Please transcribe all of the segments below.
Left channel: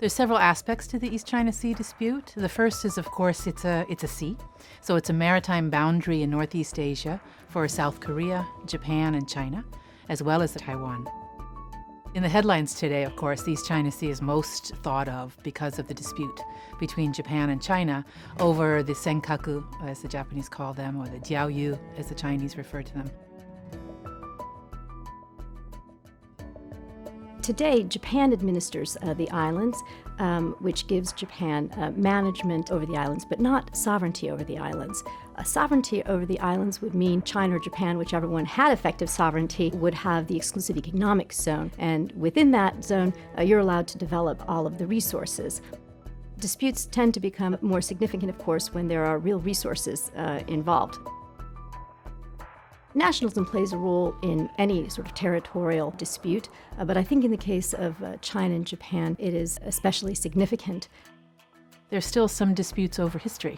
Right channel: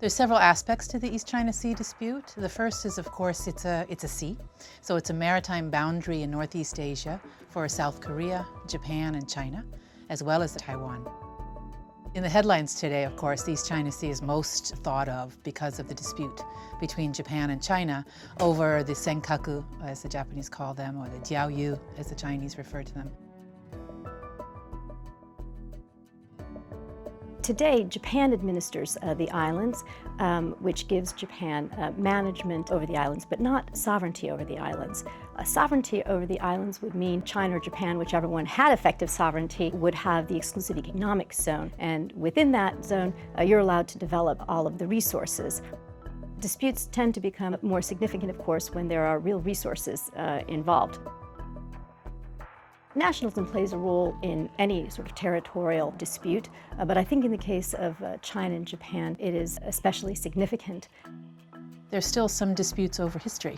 There's several aspects to the East China Sea dispute. The first is, of course, it's a sea. So it's a maritime boundary in Northeast Asia for South Korea, Japan, and China, as well as Taiwan. In the headlines today, of course, the East China Sea is most thought of because of the dispute between Japan and China over the Senkaku, as the Japanese call them, or the Diaoyu, as the Chinese refer to them. Today, Japan administers the islands, which gives Japan management over the islands, but not sovereignty over the islands. Sovereignty over the islands would mean China or Japan, whichever one had effective sovereignty, would have the exclusive economic zone. And within that zone, you're allowed to develop all of the resources. Disputes tend to become more significant, of course, when there are real resources involved. Nationalism plays a role in any sort of territorial dispute, but I think in the case of China and Japan, it is especially significant. There's still some disputes over history,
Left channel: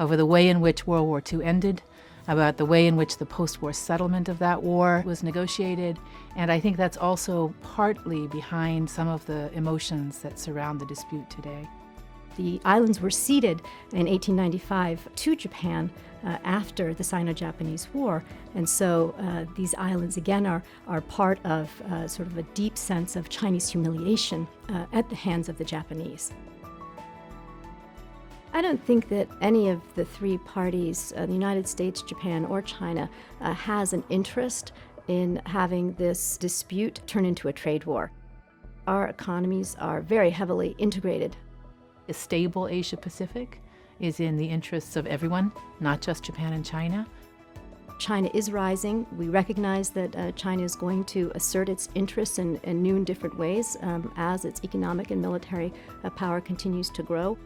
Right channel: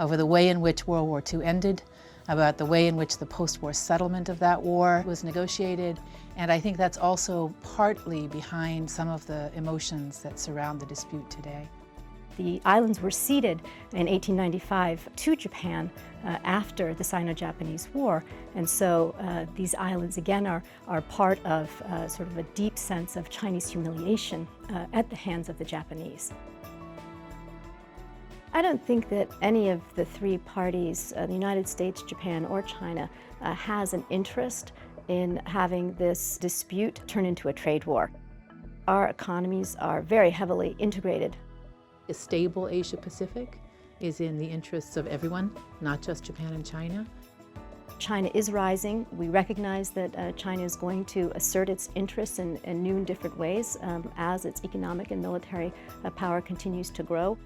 over the way in which World War II ended, about the way in which the post-war settlement of that war was negotiated, and I think that's also partly behind some of the emotions that surround the dispute today. The islands were ceded in 1895 to Japan after the Sino-Japanese War, and so these islands again are part of sort of a deep sense of Chinese humiliation at the hands of the Japanese. I don't think that any of the three parties, the United States, Japan, or China, has an interest in having this dispute turn into a trade war. Our economies are very heavily integrated. A stable Asia-Pacific is in the interests of everyone, not just Japan and China. China is rising. We recognize that China is going to assert its interests in new and different ways as its economic and military power continues to grow.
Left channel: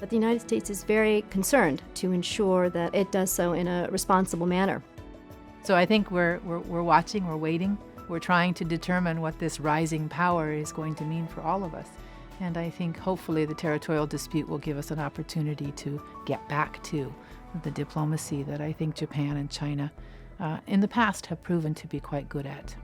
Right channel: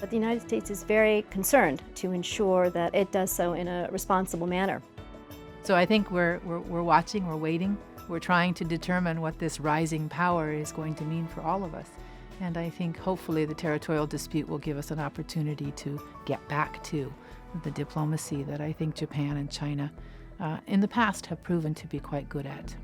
But the United States is very concerned to ensure that it does so in a responsible manner. So I think we're watching, we're waiting, we're trying to determine what this rising power is going to mean for all of us. And I think hopefully the territorial dispute will give us an opportunity to get back to the diplomacy that I think Japan and China in the past have proven to be quite good at.